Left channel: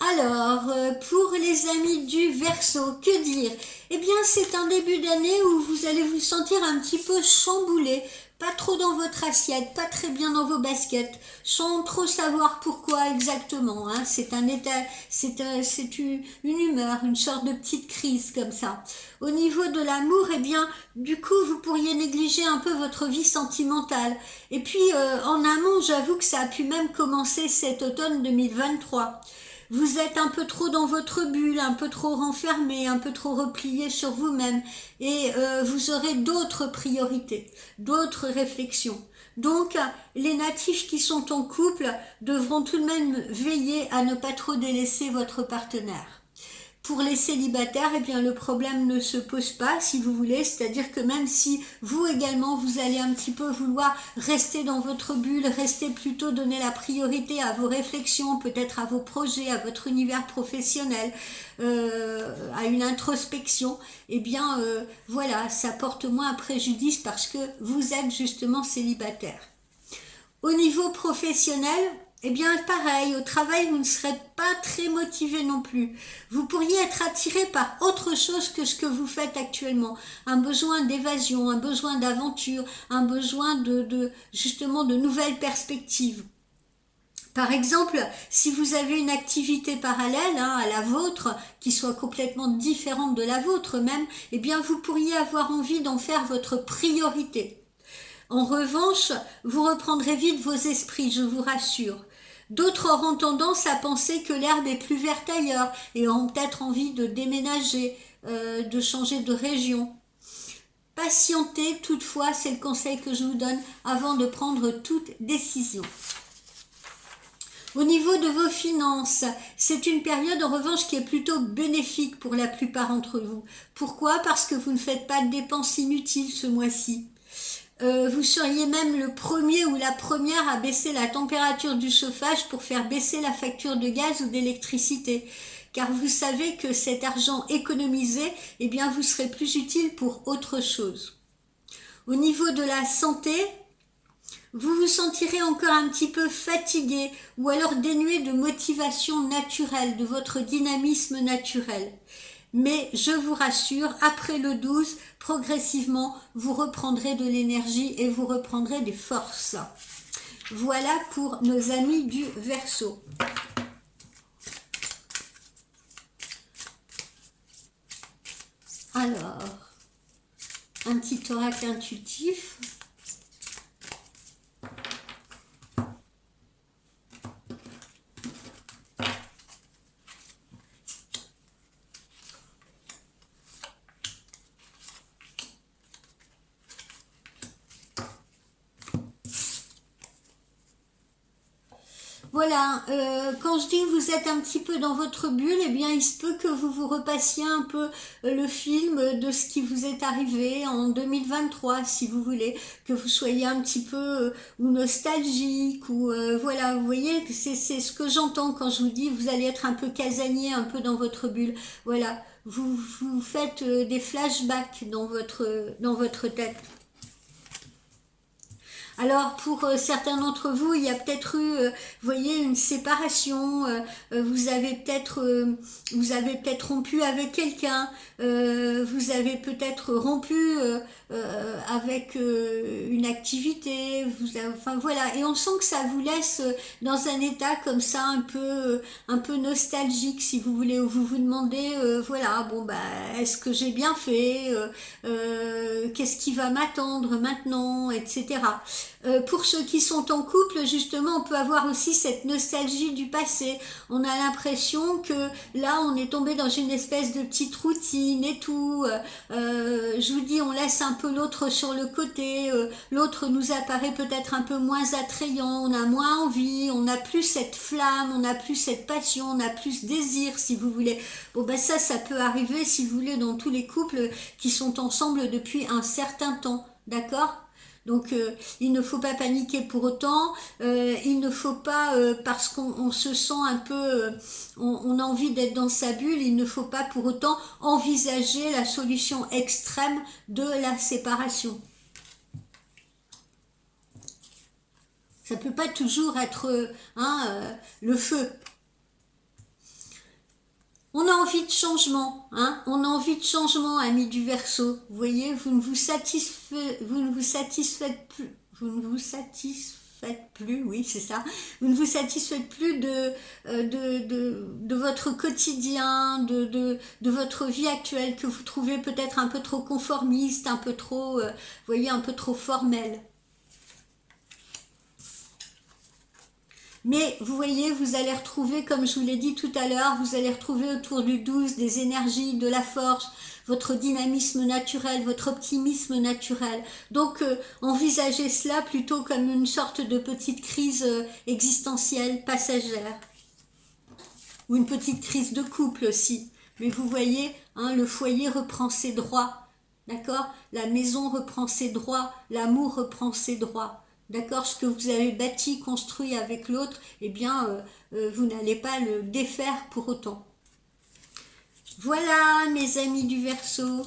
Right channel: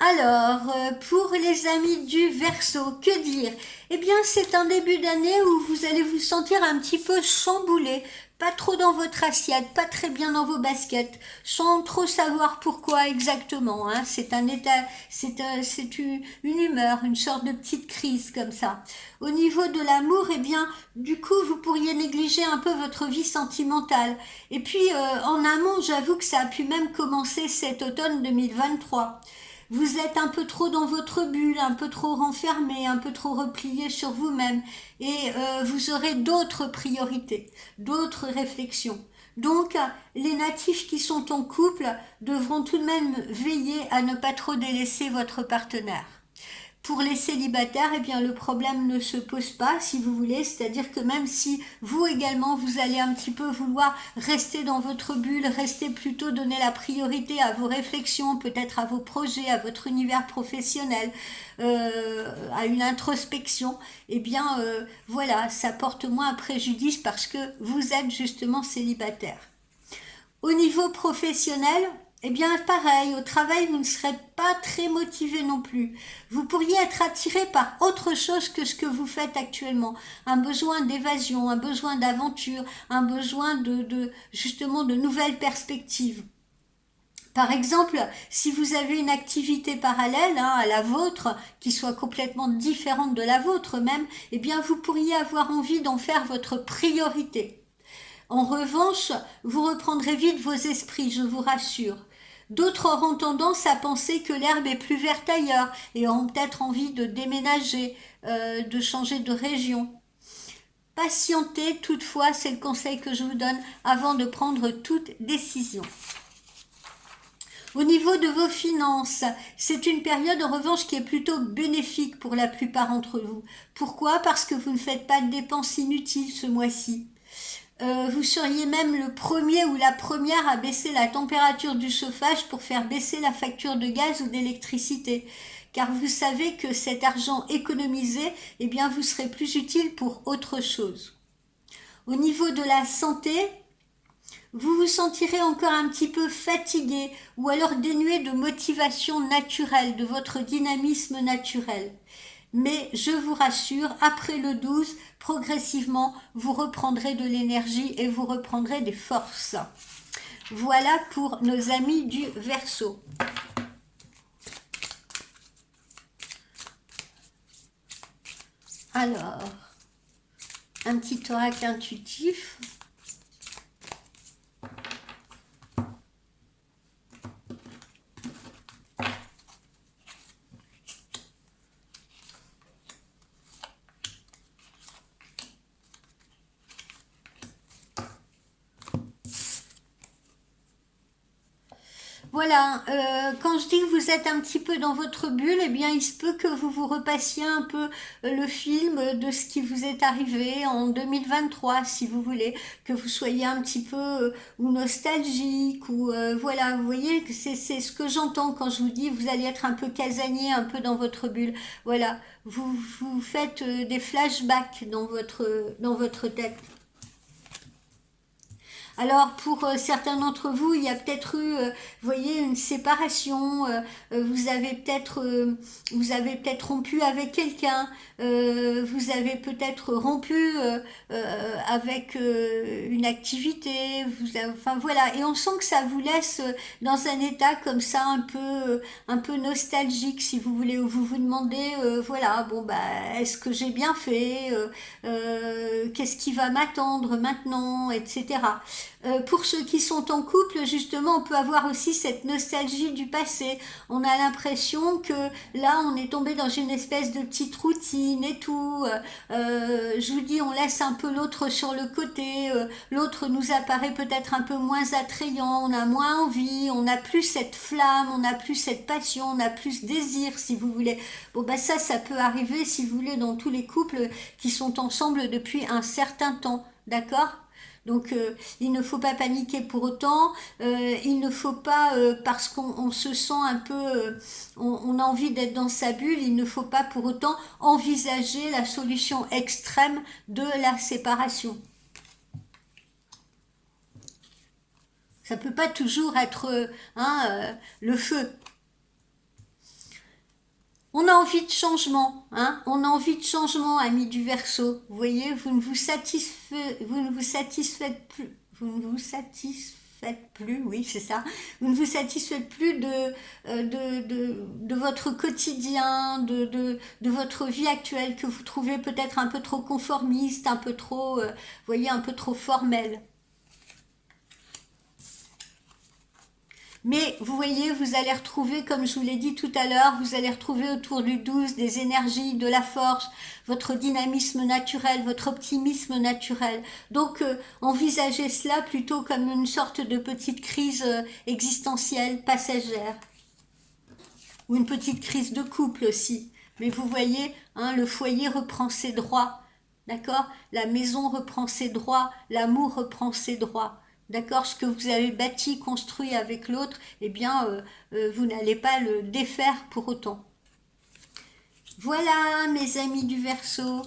Alors, pour les amis du Verseau, que dire? Eh bien, c'est un début d'année où vous allez vous sentir un petit peu chamboulé, pas trop dans votre assiette, pas très bien dans vos baskets, sans trop savoir pourquoi exactement, hein. C'est un état, c'est une humeur, une sorte de petite crise comme ça. Au niveau de l'amour, eh bien, du coup, vous pourriez négliger un peu votre vie sentimentale. Et puis, en amont, j'avoue que ça a pu même commencer cet automne 2023. Vous êtes un peu trop dans votre bulle, un peu trop renfermé, un peu trop replié sur vous-même et vous aurez d'autres priorités, d'autres réflexions. Donc, les natifs qui sont en couple devront tout de même veiller à ne pas trop délaisser votre partenaire. Pour les célibataires, eh bien, le problème ne se pose pas, si vous voulez, c'est-à-dire que même si vous également, vous allez un petit peu vouloir rester dans votre bulle, rester plutôt donner la priorité à vos réflexions, peut-être à vos projets, à votre univers professionnel, à une introspection, eh bien, voilà, ça porte moins à préjudice parce que vous êtes justement célibataire. Au niveau professionnel, eh bien pareil, au travail, vous ne serez pas très motivé non plus. Vous pourriez être attiré par autre chose que ce que vous faites actuellement. Un besoin d'évasion, un besoin d'aventure, un besoin justement de nouvelles perspectives. Par exemple, si vous avez une activité parallèle à la vôtre, qui soit complètement différente de la vôtre même, eh bien vous pourriez avoir envie d'en faire votre priorité. En revanche, vous reprendrez vite vos esprits, je vous rassure. D'autres auront tendance à penser que l'herbe est plus verte ailleurs et auront peut-être envie de déménager, de changer de région. Patientez toutefois, c'est le conseil que je vous donne avant de prendre toute décision. Au niveau de vos finances, c'est une période en revanche qui est plutôt bénéfique pour la plupart d'entre vous. Pourquoi? Parce que vous ne faites pas de dépenses inutiles ce mois-ci. Vous seriez même le premier ou la première à baisser la température du chauffage pour faire baisser la facture de gaz ou d'électricité. Car vous savez que cet argent économisé, eh bien, vous serez plus utile pour autre chose. Au niveau de la santé, vous vous sentirez encore un petit peu fatigué ou alors dénué de motivation naturelle, de votre dynamisme naturel. Mais je vous rassure, après le 12, progressivement, vous reprendrez de l'énergie et vous reprendrez des forces. Voilà pour nos amis du Verseau. Alors, un petit oracle intuitif. Voilà, quand je dis que vous êtes un petit peu dans votre bulle, eh bien il se peut que vous vous repassiez un peu le film de ce qui vous est arrivé en 2023, si vous voulez, que vous soyez un petit peu ou nostalgique, ou voilà, vous voyez, que c'est ce que j'entends quand je vous dis vous allez être un peu casanier, un peu dans votre bulle. Voilà, vous faites des flashbacks dans votre tête. Alors pour certains d'entre vous, il y a peut-être eu, vous voyez, une séparation. Vous avez peut-être rompu avec quelqu'un. Vous avez peut-être rompu avec une activité. Enfin voilà, et on sent que ça vous laisse dans un état comme ça un peu nostalgique, si vous voulez, où vous vous demandez, voilà, bon bah, est-ce que j'ai bien fait, qu'est-ce qui va m'attendre maintenant, etc. Pour ceux qui sont en couple, justement, on peut avoir aussi cette nostalgie du passé. On a l'impression que là, on est tombé dans une espèce de petite routine et tout. Je vous dis, on laisse un peu l'autre sur le côté. L'autre nous apparaît peut-être un peu moins attrayant. On a moins envie. On n'a plus cette flamme. On n'a plus cette passion. On n'a plus ce désir, si vous voulez. Bon, ben ça peut arriver, si vous voulez, dans tous les couples qui sont ensemble depuis un certain temps. D'accord? Donc il ne faut pas paniquer pour autant, il ne faut pas, parce qu'on se sent un peu, on a envie d'être dans sa bulle, il ne faut pas pour autant envisager la solution extrême de la séparation. Ça ne peut pas toujours être le feu. On a envie de changement, hein, on a envie de changement, amis du Verseau. Vous voyez, vous ne vous satisfaites plus, oui, c'est ça. Vous ne vous satisfaites plus de votre quotidien, de votre vie actuelle que vous trouvez peut-être un peu trop conformiste, un peu trop, vous voyez, un peu trop formelle. Mais vous voyez, vous allez retrouver, comme je vous l'ai dit tout à l'heure, vous allez retrouver autour du 12 des énergies, de la force, votre dynamisme naturel, votre optimisme naturel. Donc, envisagez cela plutôt comme une sorte de petite crise existentielle, passagère. Ou une petite crise de couple aussi. Mais vous voyez, hein, le foyer reprend ses droits. D'accord? La maison reprend ses droits, l'amour reprend ses droits. D'accord? Ce que vous avez bâti, construit avec l'autre, eh bien, vous n'allez pas le défaire pour autant. Voilà, mes amis du Verseau.